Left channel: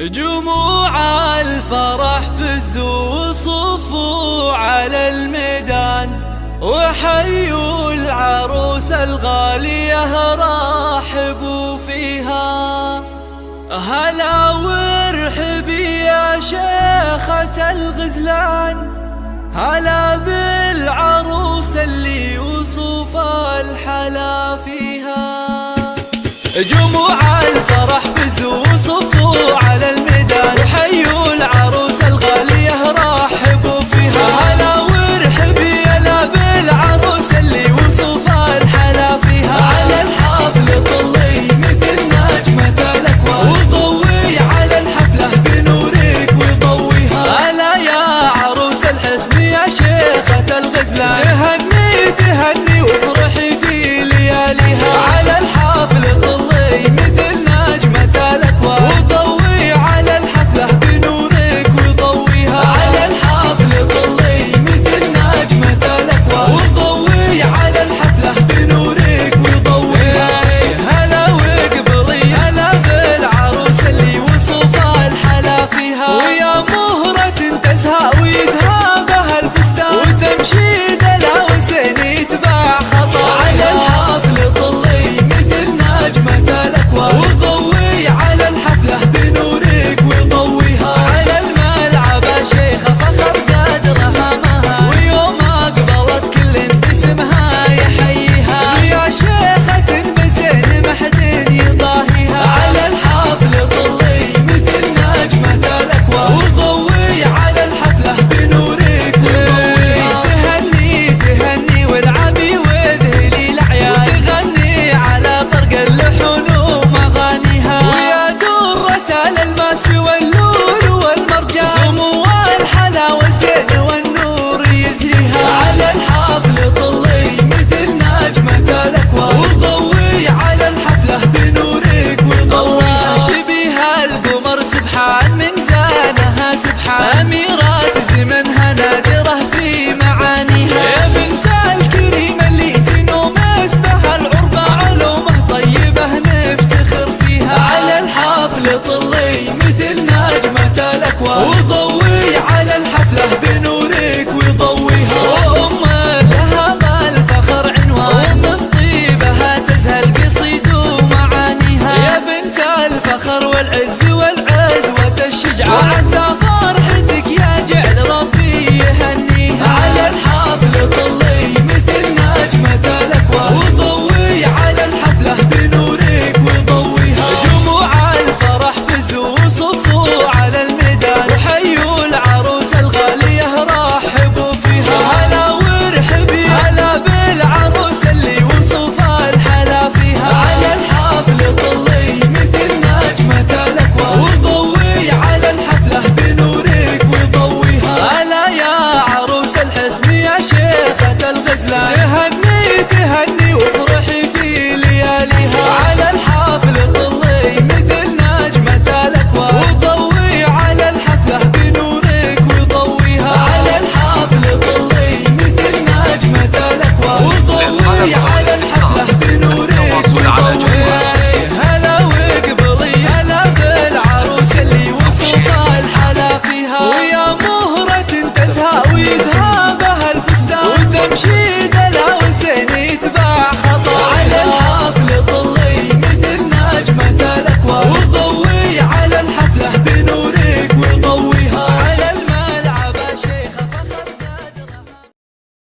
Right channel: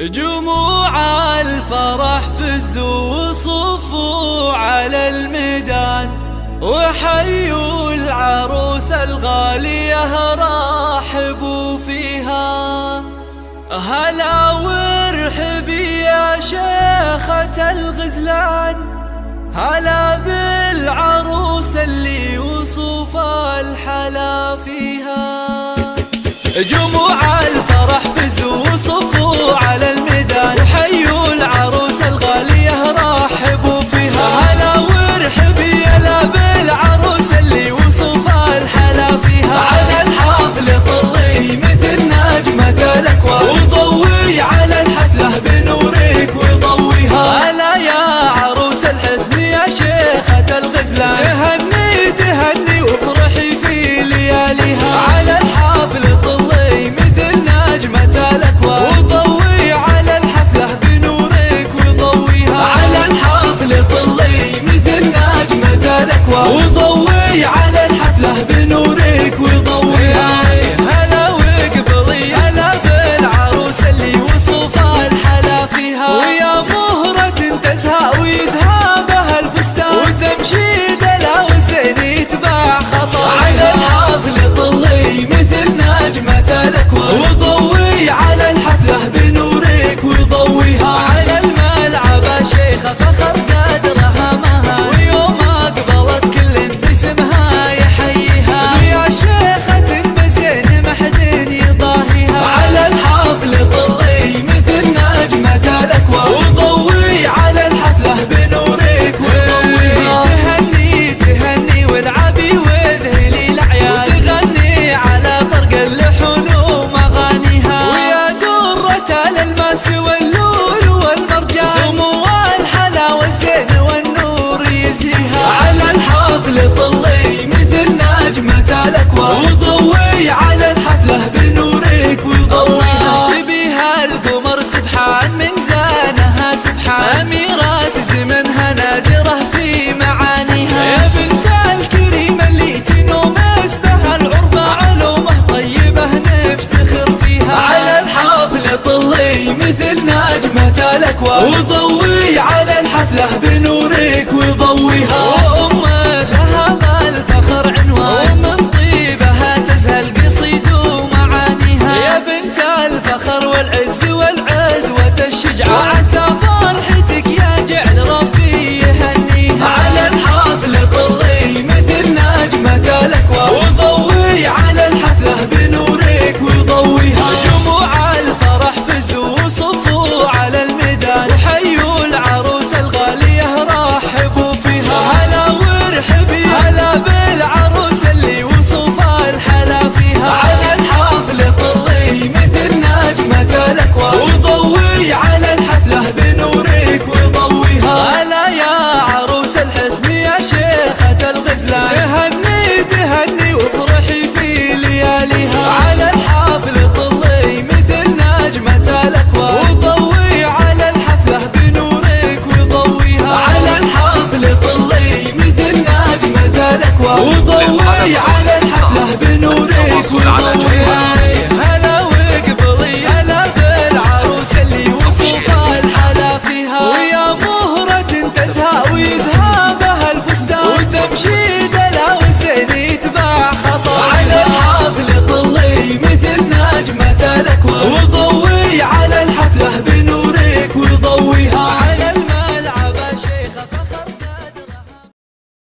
جموع الفرح فزوا وصفوا على الميدان، وحيوا العروس الغالية رحبوا فيها. هلا وارحبي يا شيخة الغزلان، هلا بالعروس اللي وصف الحلا فيها. جموع الفرح فزوا وصفوا على الميدان، وحيوا العروس الغالية رحبوا فيها. هلا وارحبي يلا بالعروس اللي وصف الحلا فيها. على الحفل طلي مثل نجمة الأكوان، وضوي على الحفلة بنورك وضويها. هلا يا عروس الحسن يا شيخة الغزلان، تهني تهني وافرحي في لياليها. على الحفل طلي مثل نجمة الأكوان، وضوي على الحفلة بنورك وضويها. على الحفل طلي مثل نجمة الأكوان، وضوي على الحفلة بنورك وضويها. هلا وقبلي هلا بالعروس اللي وصف الحلا فيها. ويا مهرة تزهى ويزهى بها الفستان، وتمشي دلا والزين يتبع خطاياها. على الحفل طلي مثل نجمة الأكوان، وضوي على الحفلة بنورك وضويها. على الملعب شيخة فخر قدرها مها، ويوم أقبلت كل باسمها يحييها. ويا شيخة بزين محد يضاهيها. على الحفل طلي مثل نجمة الأكوان، وضوي على الحفلة بنورك وضويها. تهني تهني والعبي وذهلي العيال، وتغني على طرق اللحون ومغانيها. ويا درة الألماس واللول والمرجان، سمو الحلا والزين والنور يزهيها. على الحفل طلي مثل نجمة الأكوان، وضوي على الحفلة بنورك وضويها. شبيها القمر سبحان من زانها سبحان، أميرات زمنها نادرة في معانيها. يا بنت الكريم اللي تنوم اسمها العربة، علومه طيبة نفتخر فيها. على الحفل طلي مثل نجمة الأكوان، وضوي على الحفلة بنورك وضويها. وأمك لها بالفخر عنوان، ومن طيبها تزهى القصيد ومعانيها. يا بنت الفخر والعز والعزوة الشجعان، وعسى فرحتك يا جعل ربي يهنيها. على الحفل طلي مثل نجمة الأكوان، وضوي على الحفلة بنورك وضويها. جموع الفرح فزوا وصفوا على الميدان، وحيوا العروس الغالية رحبوا فيها. هلا وارحبي هلا بالعروس اللي وصف الحلا فيها. على الحفل طلي مثل نجمة الأكوان، وضوي على الحفلة بنورك وضويها. هلا يا عروس الحسن يا شيخة الغزلان، تهني تهني وافرحي في لياليها. على الحفل طلي مثل نجمة الأكوان، وضوي على الحفلة بنورك وضويها. على الحفل طلي مثل نجمة الأكوان، وضوي على الحفلة بنورك وضويها. هلا وقبلي هلا بالعروس اللي وصف الحلا فيها. ويا مهرة تزهى ويزهى بها الفستان، وتمشي دلا والزين يتبع خطاياها. على الحفل طلي مثل نجمة الأكوان، وضوي على الحفلة بنورك وضويها.